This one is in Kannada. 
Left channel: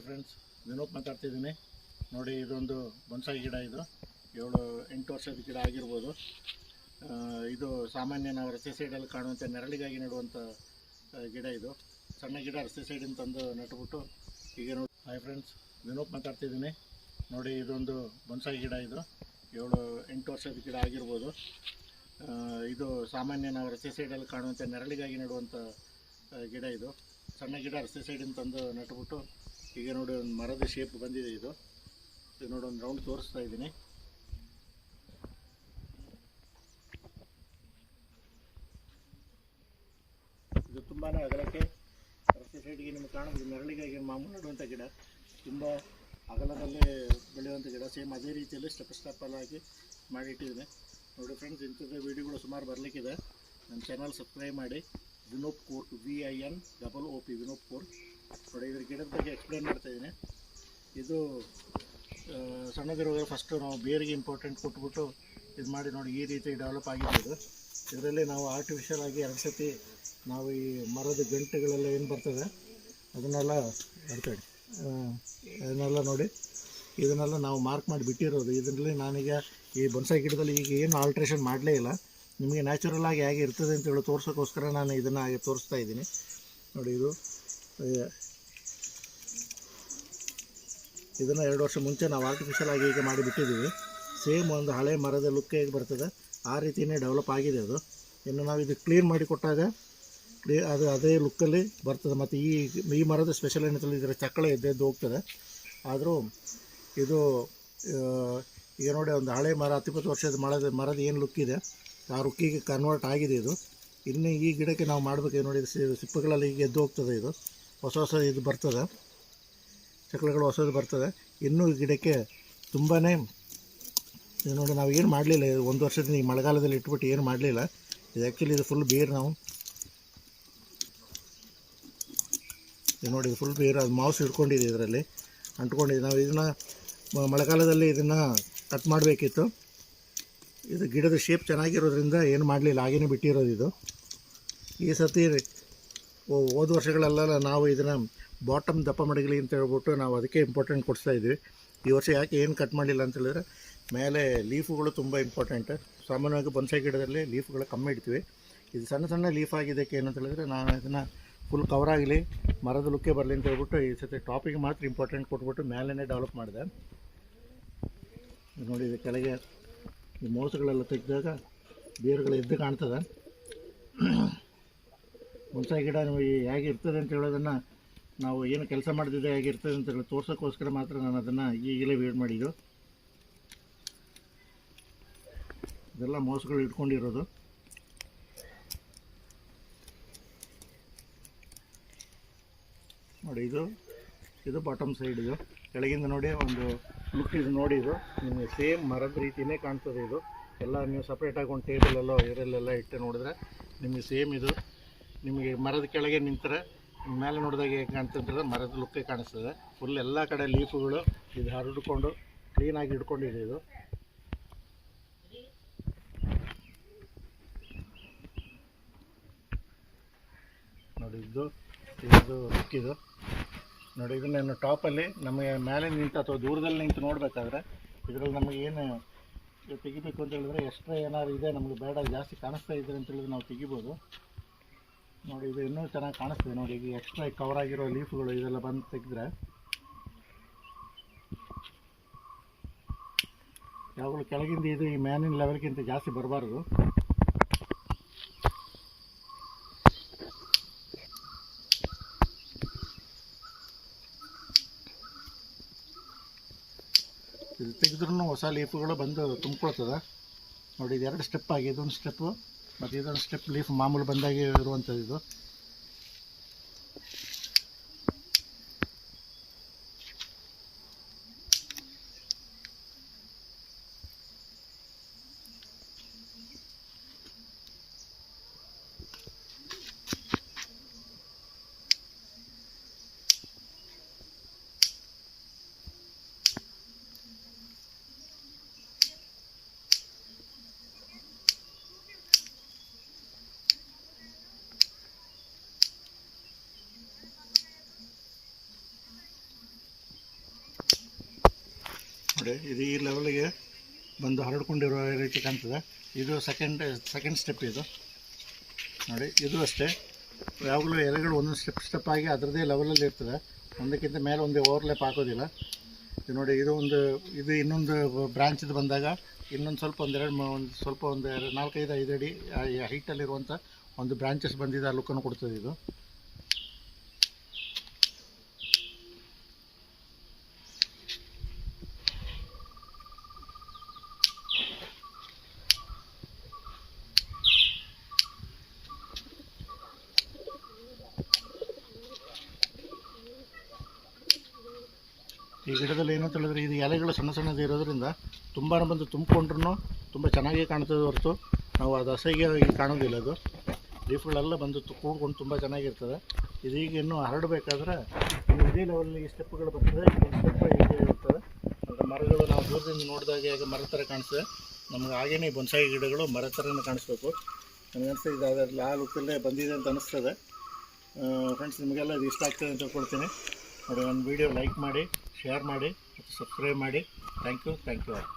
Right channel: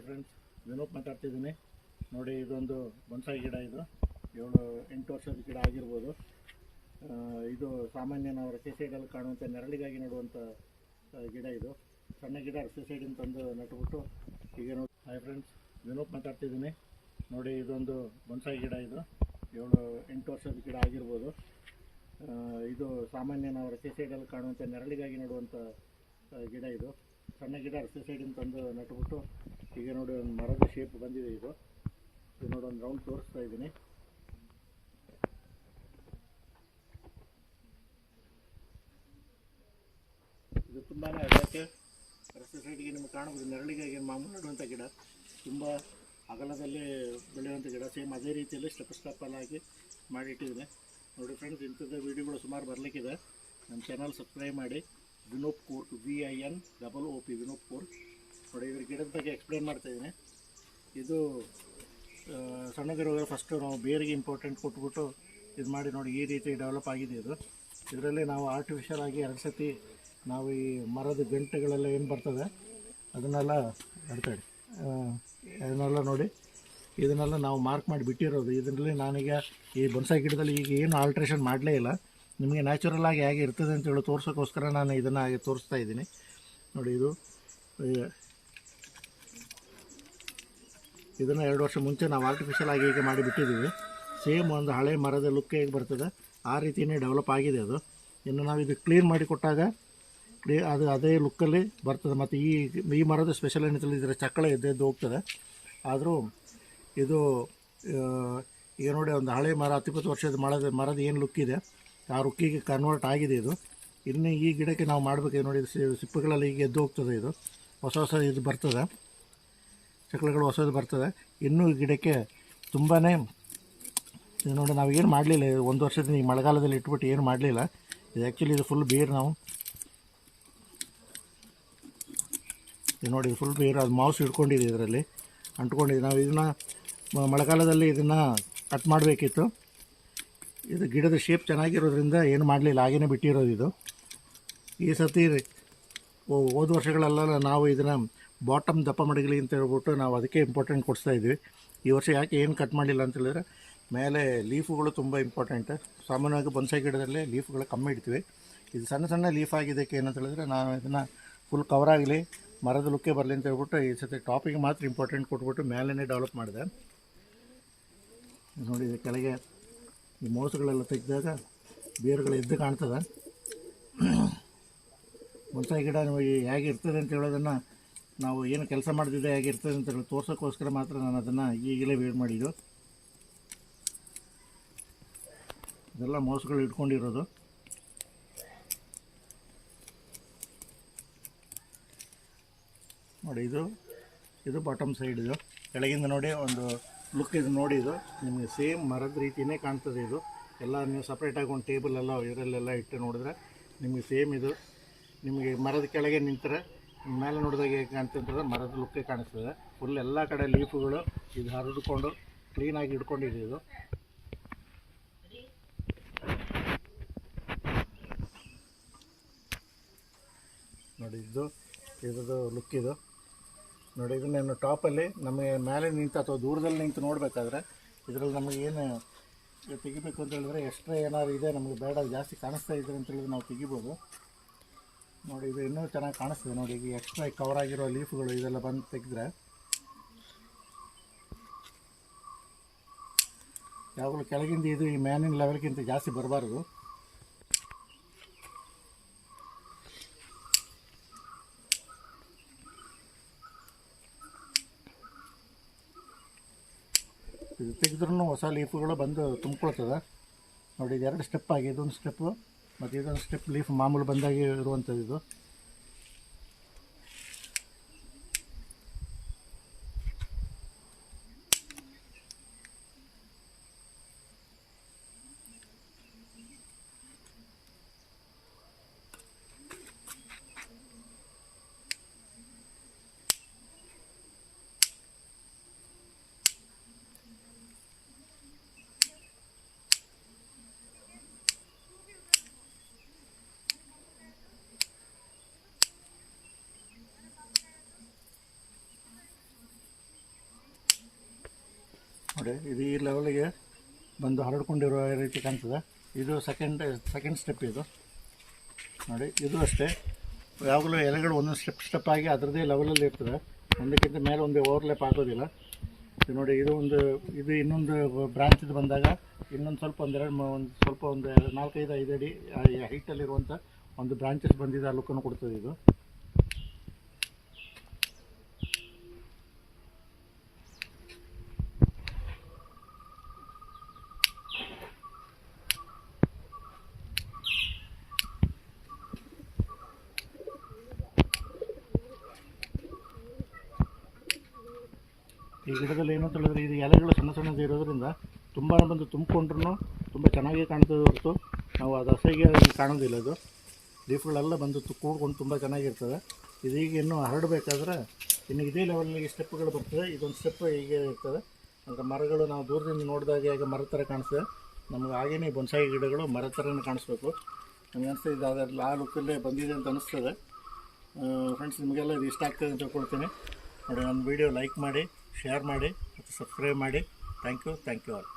ಹಾಯ್ ಫ್ರೆಂಡ್ಸ್, ವಿನೋದ್ ಮಾತಾಡ್ತಿದ್ದೀನಿ. ನೋಡಿ, ಇದೊಂದು ಬೊನ್ಸಾಯಿ ಗಿಡ. ಇದು 7-8 ವರ್ಷದ ಗಿಡ ಆಗಿರ್ಬೋದು. ಇದು ಸಾಮಾನ್ಯ ನಾವು ರಸ್ತೆ ಸೈಡಲ್ಲಿ ಕಾಣುವಂಥ ನೆರಳಿಗಾಗಿ ನೆಡುವಂಥ ಗಿಡ. ಇದು ಸಣ್ಣ ಗಿಡ ರಸ್ತೆ ಸೈಡಿಂದ ತಂದು ನಟ್ಬಿಟ್ಟು ಈಗ ನೋಡಿ. ಹಾಯ್ ಫ್ರೆಂಡ್ಸ್, ವಿನೋದ್ ಮಾತಾಡ್ತಿದ್ದೀನಿ. ನೋಡಿ, ಇದೊಂದು ಬೊನ್ಸಾಯಿ ಗಿಡ. ಇದು 7-8 ವರ್ಷದ ಗಿಡ ಆಗಿರ್ಬೋದು. ಇದು ಸಾಮಾನ್ಯ ನಾವು ರಸ್ತೆ ಸೈಡಲ್ಲಿ ಕಾಣುವಂಥ ನೆರಳಿಗಾಗಿ ನೆಡುವಂಥ ಗಿಡ. ಇದು ಸಣ್ಣ ಗಿಡ ರಸ್ತೆ ಸೈಡಿಂದ ತಂದು ನಟ್ಬಿಟ್ಟು ಈಗ ನೋಡಿ ಒಂದು ಮರದ ಶೇಪ್ ಬಂದಿದೆ. ಇದು ನೋಡಿ ಒಂದು ರೌಂಡ್ ತೋರಿಸ್ತಾ ಇದ್ದೀನಿ. ಇದು ತುಂಬಾ ಅಗಲಕ್ಕೆ ರಸ್ತೆ ಸೈಡಿಗೆ ನಿಮಗೆ ಕಾಣಬಹುದು. ನೆರಳಿಗಾಗಿ ಮಾಮೂಲು ನೆಡುವಂಥ ಗಿಡ, ತುಂಬ ಅಗಲದಲ್ಲಿ ಬೆಳೆಯುವಂಥ ಗಿಡ. ಸೇಮ್ ಅದೇ ರೀತಿಯಲ್ಲಿ ಸ್ಟೆಪ್ಪಲ್ಲಾಗಿ ಮಾಡಿಟ್ಟಿದ್ದೀನಿ. ನೋಡಿ ಫ್ರೆಂಡ್ಸ್, ಇಂಥದ್ದು ವೀಡಿಯೋಗಳು ಸುಮಾರು ಬರಲಿಕ್ಕಿದೆ. ನನ್ನ ಚಾನಲ್ ಸಬ್ಸ್ಕ್ರೈಬ್ ಮಾಡಿ. Vinod court, VINOOP Vinod court. ನೋಡಿ, ಇದ್ರ ಗಿಡದ ಬಗ್ಗೆ ಎಕ್ಸ್ಪ್ಲೇನ್ ಮಾಡ್ತಾಯಿದ್ದೀನಿ. ಇದು ಸಣ್ಣದಿರುವಾಗ ಫಸ್ಟು ನಾವು ಬೇರಿಗೆ ಇಂಪಾರ್ಟೆಂಟ್ ಕೊಟ್ಬಿಟ್ಟು ಇದು ಮಾಡಿ ನೋಡಿ ಈ ರೀತಿ ಡೆವಲಪ್ ಆಗಿದೆ. ಇದು ಇದರಲ್ಲಿ ನಾವು ಆರ್ಟಿಫಿಷಿಯಲ್ ಆಗಿ 2 ಸತಿ ನಾವು ಈ ಮರದ ಗಂಟೆಗಳೆಲ್ಲ ಏನು ಬರ್ತದೆ ಅದನ್ನೆಲ್ಲ ನೋಡಿ ಇದನ್ನೆಲ್ಲ ನಾವು ಮಾರ್ಕ್ ಮಾಡಿ ಬಿಟ್ಟಿರೋದು. ಇದರಲ್ಲಿ ನಾನೀಗ ಈ ಬೊನ್ಸಾಯಿ ಗಿಡದಲ್ಲಿ ಈಗ ಏನು ಆಲ್ಟ್ರೇಷನ್ ಮಾಡಲೇ ಇಲ್ಲ. ನಿಮಗೆ ನ್ಯಾಚುರಲ್ ಆಗಿ ಹೇಗೆ ಇರ್ತದೆ ಅಂತೇಳಿ ತೋರ್ಸೋಕ್ಕೋಸ್ಕರ ನಾನು ಇದನ್ನು ಹಾಗೆ ತೋರಿಸ್ತಾ ಇದ್ದೀನಿ. ನೋಡಿ, ಇದನ್ನು 2 ವರ್ಷ ಮುಂಚೆ ನಾವು ಆರ್ಟಿಫಿಷಿಯಲ್ ಆಗಿ ಈಗ ಮಾಡಿಬಿಟ್ಟಿದ್ದೀವಿ. ಸೇಮ್ ಒಂದು ಹಳೆ ಮರದ ಲುಕ್ ಹೇಗೆ ಬರ್ತದೆ ಆ ರೀತಿಯೇ ಡೆವಲಪ್ ಆಗಿದೆ ಅದು. ಇನ್ನು ನಾವು ಇದು ಕ್ಲೀನ್ ಮಾಡಿ ಕೊಟ್ಟಾಗ ಅದು ಅದೇ ಲುಕ್ಕಲ್ಲಿ ಬರ್ತದೆ. ಮತ್ತು ಈ ಮರದ ಸ್ಪೆಷಲ್ ಏನಂತೇಳಿ ಇದರ ಚಕ್ಕಳ ಎದ್ದು ಹೋಗ್ತದೆ. ಆದರೂ ಇದು ಈಗ ನೋಡಿ, ಒಂದು ಹಳೆ ಮರ 10-20 ವರ್ಷದ ಮರದ ಏನು ಲುಕ್ ಇದೆ ಆ ರುಕ್ಕಿಗೆ ಕನ್ವರ್ಟ್ ಆಗಿದೆ. ಇದು ಇನ್ನು ಈ ಗಿಡಕ್ಕೆ ನಾವು ಮಾಡಬೇಕು. ನೋಡಿ, ಸಿಪ್ಪೆಗಳಲ್ಲಿ ಈಗ ಎದ್ದು ಹೋಗ್ತದೆ. ಇದು ಹೊಸ ಇದು ಬರ್ತದೆ, ಚಕ್ಕಳಗಳು ಹೊಸದು ಬರ್ತದೆ. ಇನ್ನೂ ಈ ಗಿಡಕ್ಕೆ ತುಂಬಾ ನೋಡಿ, ನಾವು ಏನು ಮಾಡಲಿಲ್ಲ 1 ವರ್ಷದಿಂದ ಈ ಮಳೆಗಾಲದಲ್ಲಿ ಇಟ್ಬಿಟ್ಟು ಏನು ಮಾಡಲಿಲ್ಲ. ಇದು ಆ್ಯಕ್ಚುಲಿ ಇದು ಫುಲ್ ಬೇರು. ನಾವು ನೋಡಿ, ಫುಲ್ ಬೇರು, ಅದು ಮಾವ್ಸ್ ಹಿಡ್ಕೊಂಡಿದೆ, ಇದರಲ್ಲಿ ಅಂಟ್ಕೊಂಡಿದೆ. ನಾವು ಇದನ್ನು ಮಳೆಗಾಲದಲ್ಲಿ ಇದನ್ನು ಕಟ್ ಮಾಡಬೇಕಿತ್ತು. ಇದು ಗಿಡದ ಶೇಪ್ ಚೆನ್ನಾಗಿರೋದ್ರಿಂದ ಏನು ಮಾಡಲಿಲ್ಲ, ಹಾಗೇ ಬಿಟ್ಟಿರೋದು. ಇದು ಈ ಸರ್ತಿ ಹೋದ ವರ್ಷಗಳೆಲ್ಲ ನಾವು ಇದನ್ನು ಬಾಟಮ್ ದಪ್ಪ ಮಡಗಲಿ ಅಂತ ಹೇಳ್ಬಿಟ್ಟು ನಾವು ಅದಕ್ಕೆ ಇಂಪಾರ್ಟೆಂಟ್ ಕೊಡಿಸ್ತಾ ಇದ್ವಿ. ಈ ವರ್ಷ ಯಾಕೆ ಏನು ಕಟ್ ಮಾಡಲಿಲ್ಲ ಅಂತ ಹೇಳಿದ್ರೆ, ಮೇಲೆ ಲೀಫುಗಳು ತುಂಬ ಇಂಪಾರ್ಟೆಂಟ್. ಸಾಮಾನ್ಯವಾಗಿ ಬೊನ್ಸಾಯಿ ಗಿಡದಲ್ಲಿ ಲೀಫುಗಳು ಕಮ್ಮಿ ಇಡ್ತೀವಿ. ಇದು ಸಣ್ಣ ಲೀಫ್ ಆಗಿದ್ದಕ್ಕೆ ಏನಂತ ಹೇಳಿದ್ರೆ, ನಾನು ಇದನ್ನು ಫುಲ್ ಕವರ್ ಆಗಲಿ, ಮರದ ಲುಕ್ಕೆ ಬರಲಿ ಅಂತ ಹೇಳ್ಬಿಟ್ಟು ಈ ಸರ್ತಿ ಟಾಪಿಗೆ ಮಾತ್ರ ಇಂಪಾರ್ಟೆಂಟ್ ಕೊಟ್ಬಿಟ್ಟು ಮೇಲೇ ಡೆವಲಪ್ ಮಾಡಿದೆ. ನೋಡಿ, ಇದು ಕೆಳಗೆ ಈ ಮೋಸಗಳೆಲ್ಲ ತೆಗೆದಾಗ ಬೇರುಗಳು ಎದ್ದು ಕಾಣ್ತದೆ. ಬೊನ್ಸಾಯಿ ಗಿಡ ಹೇಗಿರ್ತದೆ ಅಂತ ಹೇಳೋದನ್ನು ನಾವು ಏನು ಕೆಲಸ ಮಾಡ್ತಿದ್ದೆ ಹೇಗಿರ್ತದೆ ಅಂತ ಹೇಳಿ ತೋರ್ಸೋಕ್ಕೋಸ್ಕರ ಮಾತ್ರ ನಾನು ಅದನ್ನು ಈಗಲೇ ವೇಟ್ ಮಾಡಿದ್ದು. ಇದೆಲ್ಲ ಮೋಸಗಳು ಇಟ್ಕೊಂಡಿರೋದು. ನೋಡಿ, ಇದು ಬಾಟಮ್ ಸೈಡ್. ಇದು ಕೆಳಗಿಂದ ನೋಡಿ ಒಂದು ಲುಕ್. ಇದು ನೋಡಿ, ಇದು ನಿಮಗೆ ಸೇಮ್ ಮರದ ರೀತಿಯೇ ಕಾಣ್ತದೆ. ಇದು ಎಲ್ಲ ನೀವು ಸಪ್ರೇಟಾಗಿ ಒಂದು ಟೇಬಲೆಲ್ಲ ಇದರಲ್ಲೆಲ್ಲ ಇಟ್ಟು ನೋಡಿದ್ರೆ ನಿಮಗೆ ಸೇಮ್ ಇದು ನಿಮಗೆ ಮರದ ಕೆಳಗೆ ನಿಂತರೆ ಮೇಲೆ ನೋಡಿದಾಗ ಹೇಗೆ ಕಾಣ್ತಂದ್ರೆ ಮರದ ಲುಕ್ಕೇ ಕಾಣಿಸ್ತದೆ. ಫುಲ್ ಎಲ್ಲ ಕಡೆ ಲೀಫುಗಳು ಇದು ಹರಡಿಕೊಂಡು ಕ್ಲೀನಾಗಿ ಇಟ್ಕೊಂಡಿದೆ. ಇದು ನೋಡಿ, ಇದು ಲುಕ್. ಇದು ನೋಡಿ, ಇದನ್ನೇನು ಟಾಪಲ್ಲಿ ನಮಗೆ ಮೇಲೆ ನಿಂತು ಅಥವಾ ದೂರದಲ್ಲಿ ನಿಂತು ನೋಡಬೇಕಾದ್ರೆ ಇದರಲ್ಲಿ ನಮಗೇನು ತೆಗಿಬೇಕು ಅಂತ ಹೇಳಿದ್ರೆ ಎಕ್ಸ್ಟ್ರಾ ಏನಾದ್ರು ಇದೆ ನಮಗೆ ಬೇಡ, ಜಾಸ್ತಿ ಕಾಣಿಸ್ತಾ ಇದ್ರೆ ಅಂತ ಹೇಳಿದ್ರೆ ನಾವು ತೆಗಿಬೋದು. ನೋಡಿ, ಇದು ಇನ್ನೂ ಚೆನ್ನಾಗಿ ಕಾಣಿಸ್ತದೆ. ನೋಡಿ, ಈಗ ಎಕ್ಸ್ಟ್ರಾ ಕವರ್ ಆಗಿರೋ ಲೀಫುಗಳು ಇದೆಲ್ಲ ಬಂದು ತೆಗೆದ್ರೆ ಯಾವಾಗಲೂ ಕೆಳಗಿಂದ ಇದು ಈ ಮ್ಯಾನಿನ ಲೆವೆಲ್ಗಿಂತ ಜಾಸ್ತಿ ಬರಬಾರ್ದು. ಇದು ತೆಗೆದ್ರೂ ಹೊಸ ಲೀಫುಗಳು ಬಂದು ತುಂಬ್ಕೊಳ್ತದೆ. ನೋಡಿ, ಇದು 2 ಸ್ಟೆಪ್ ಆಗಿ, ಇದೊಂದು ಸ್ಟೆಪ್ಪು ಮತ್ತು ಇದೊಂದು ಸ್ಟೆಪ್ ಲೀಫ್ ಮಾಮೂಲು ಬಂದಾಗಿ ಇರುವಂಥದ್ದು. ಇದು ನೋಡಿ ಇದು ಈ ಲೆವೆಲ್ಗೆ ಬಂದು ಹರಡ್ಕೊಂಡಿರೋ ರೀತಿ ಕಾಣ್ತದೆ. ಇದು ಸೆಕೆಂಡ್ ಸ್ಟೆಪ್ ಇದು ನೋಡಿ. ಇದು ಅಷ್ಟೇ, ಯಾವಾಗಲೂ ಎಲೆಗಳು ಒಂದೊಂದು ಸ್ಟೆಪ್ ಆಗಿ ಅದರದ್ದೇ ಲೆವೆಲಲ್ಲಿ ಇರ್ತದೆ, ಒಂದಕ್ಕಿಂತ ಮೇಲೆ ಒಂದೇ ಓವರ್ಲ್ಯಾಪ್ ಆಗೋದಿಲ್ಲ. ಇದು ನೋಡಿ, ಇದು ಇನ್ನೊಂದು ಬ್ರಾಂಚಿದು ಬಂದಾಗ ಇನ್ನೊಂದು ಸ್ವಲ್ಪ ಒಂದು 4-5 ಅಡಿ ಹೈಟಲ್ಲಿರುವಂಥ ಒಂದು ಬ್ರಾಂಚಸ್ ಬಂದಿದೆ, ಆ ಲುಕ್ಕನ್ನು ಕೊಡ್ತದೆ ಇದು. ಈ ಗಿಡದಲ್ಲಿ ಏನಂತ ಹೇಳಿದ್ರೆ, ಇದು ಎಲೆಗಳು ಸಣ್ಣದು ಇರೋದ್ರಿಂದ ತುಂಬಾ ಬಂದು ತುಂಬಿಕೊಂಡ್ರೂ ತುಂಬ ಚೆನ್ನಾಗಿ ಕಾಣ್ತದೆ ಹೊರತು ನಾವು ಅದು ಅಸಹ್ಯ ಕಾಣೋದಿಲ್ಲ. ಅದು ಲೀಫ್ಗಳೆಲ್ಲ ಬಂದು ಕೂಡ್ಕೊಂಡು ತುಂಬ ಚೆನ್ನಾಗಿರ್ತದೆ. ಇದೀಗ ಇನ್ನೂ ಹರಡಬೇಕಾದ್ರೆ ಇನ್ನು ಇದೇ ಲೆವೆಲ್ಗೆ ಸ್ಟೆಪ್ಗಳು ಬರ್ತದೆ. ಇದೊಂದು ಸ್ಟೆಪ್ ಹೀಗೆ ಇರ್ತದೆ. ಅಂದರೆ ಮರಗಳು ನಾವು ದೂರದಿಂದ ನೋಡಿದಾಗ ಈಗ ಮರದ ಥರ ಕಾಣಿಸ್ತದೆ, ನಮ್ಗೆ ಹಾಗೇ ಬೊನ್ಸಾಯಿ ಗಿಡಗಳು ಮರದ ಥರನೇ ಕಾಣಿಸ್ಬೇಕು. ನನಗೆ ಅನಿಸ್ತದೆ ಇದು ಅದರಲ್ಲಿ ಆ ಲುಕ್ಕಲ್ಲೇ ಬಂದಿದೆ ಅಂತ ಅನಿಸ್ತದೆ. ಫ್ರೆಂಡ್ಸ್, ನಿಮಗೆಲ್ಲ ಇದು ಇಷ್ಟ ಆಗ್ತದೆ ಅಂತ ತಿಳ್ಕೊಳ್ತೀನಿ. ನೋಡಿ, ನನ್ನ ವೀಡಿಯೋ ಲೈಕ್ ಮಾಡಿ, ಶೇರ್ ಮಾಡಿ ಮತ್ತು ಸಬ್ಸ್ಕ್ರೈಬ್ ಮಾಡಿ. Thank you all.